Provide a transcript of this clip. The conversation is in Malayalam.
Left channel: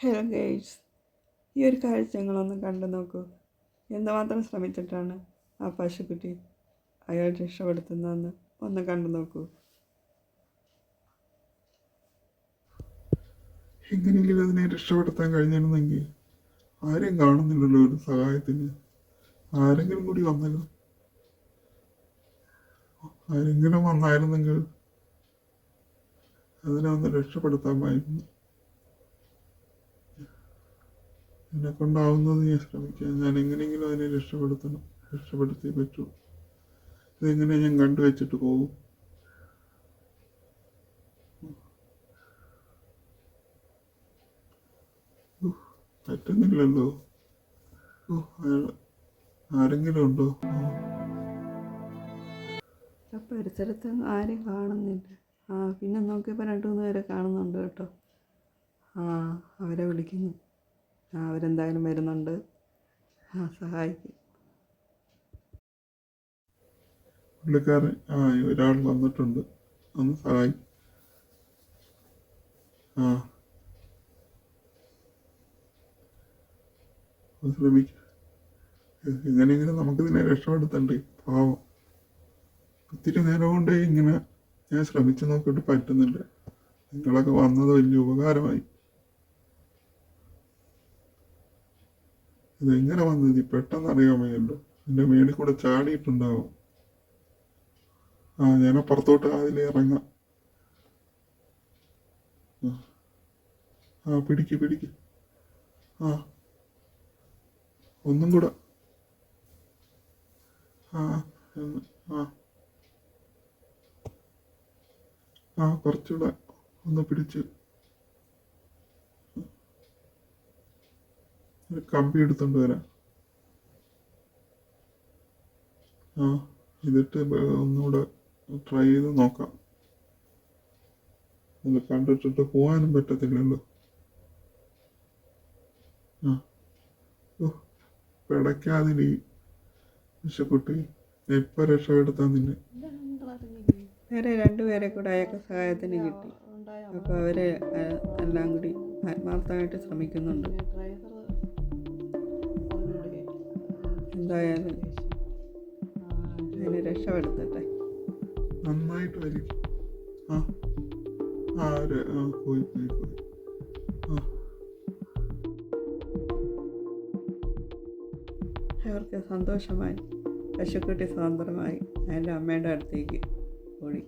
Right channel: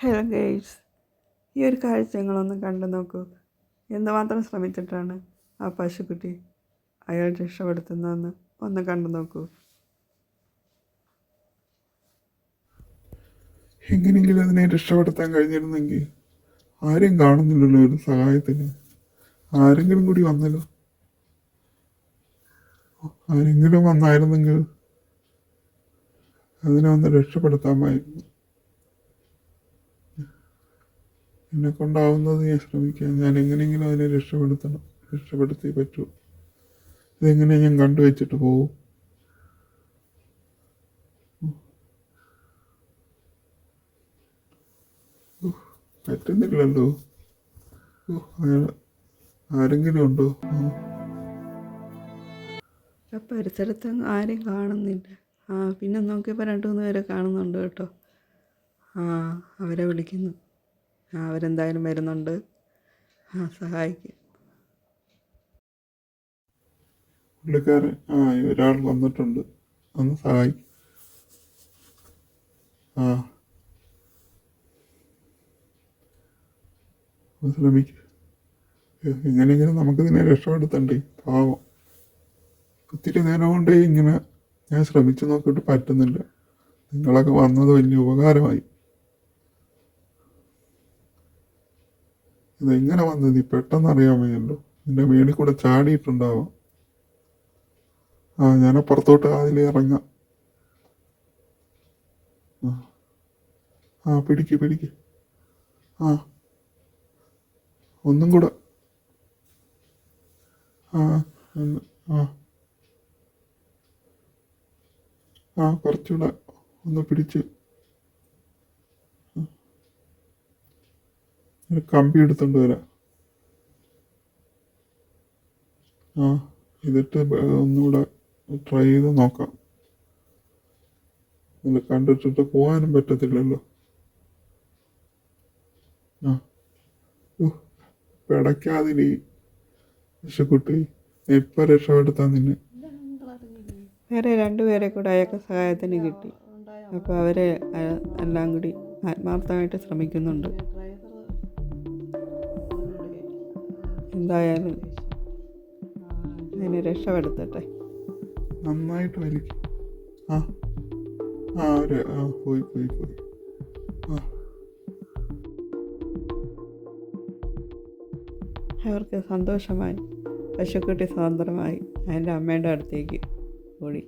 ഹലോ ഗൈസ്, ഈ ഒരു കാഴ്ച നിങ്ങളൊന്ന് കണ്ടു നോക്കൂ. എന്തുമാത്രം ശ്രമിച്ചിട്ടാണ് ആ പശുക്കുട്ടി അയാൾ രക്ഷപ്പെടുത്തുന്നതെന്ന് ഒന്ന് കണ്ടു നോക്കൂ. എങ്ങനെയെങ്കിലും അതിനെ രക്ഷപ്പെടുത്താൻ കഴിഞ്ഞിരുന്നെങ്കിൽ. ആരും കാണുന്നില്ലല്ലോ ഒരു സഹായത്തിന്. ആരെങ്കിലും കൂടി വന്നല്ലോ. ആരെങ്കിലും വന്നായിരുന്നെങ്കിൽ അതിനെ ഒന്ന് രക്ഷപ്പെടുത്താമായിരുന്നു. എന്നെ കൊണ്ടാവുന്നത് ഞാൻ ശ്രമിക്കാം. ഞാൻ എങ്ങനെയെങ്കിലും അതിനെ രക്ഷപ്പെടുത്തിയേ പറ്റൂ. ഇതെങ്ങനെ ഞാൻ കണ്ടുവച്ചിട്ട് പോകും? പറ്റുന്നില്ലല്ലോ. ആരെങ്കിലും ഉണ്ടോ? പരിസരത്ത് ആരെയും കാണുന്നില്ല. പിന്നെ നോക്കിയപ്പോൾ 2-3 പേരെ കാണുന്നുണ്ട് കേട്ടോ. അവരെ വിളിക്കുന്നു. അവരെന്തായാലും വരുന്നുണ്ട്. സഹായിക്കും. പുള്ളിക്കാരൻ ഒരാൾ വന്നിട്ടുണ്ട്, ഒന്ന് സഹായിക്കും. ശ്രമിക്കും. എങ്ങനെയെങ്കിലും നമുക്കിതിനെ രക്ഷപ്പെടുത്തണ്ടേ. പാവം ഒത്തിരി നേരം കൊണ്ട് ഇങ്ങനെ ഞാൻ ശ്രമിച്ചു നോക്കിയിട്ട് പറ്റുന്നില്ല. നിങ്ങളൊക്കെ വന്നത് വലിയ ഉപകാരമായി. ഇതെങ്ങനെ വന്നത് പെട്ടെന്ന് അറിയാൻ വയ്യല്ലോ. എൻ്റെ മേളിൽ കൂടെ ചാടിയിട്ടുണ്ടാവാം. ഞാൻ അപ്പുറത്തോട്ട് അതിൽ ഇറങ്ങാം. പിടിക്ക്. ഒന്നും കൂടെ. കുറച്ചുകൂടെ ഒന്ന് പിടിച്ച്. ഒരു കമ്പി എടുത്തോണ്ട് വരാം. എന്നിട്ട് ഒന്നുകൂടെ ട്രൈ ചെയ്ത് നോക്കാം. അത് കണ്ടിട്ടിട്ട് പോകാനും പറ്റത്തില്ലല്ലോ. പിടയ്ക്കാതിരി രക്ഷപ്പെട്ട്. ഇപ്പൊ രക്ഷപ്പെടുത്താൻ നിന്നെ. വേറെ 2 പേരെ കൂടെ അയാൾക്ക് സഹായത്തിന് കിട്ടി. അപ്പോൾ അവരെ എല്ലാം കൂടി ആത്മാർത്ഥമായിട്ട് ശ്രമിക്കുന്നുണ്ട്. എന്തായാലും അതിനെ രക്ഷപ്പെടുത്തട്ടെ. നന്നായിട്ട് വലിക്കും. പോയി. അവർക്ക് സന്തോഷമായി. പശുക്കുട്ടി സ്വതന്ത്രമായി അതിൻ്റെ അമ്മയുടെ അടുത്തേക്ക് ഓടി.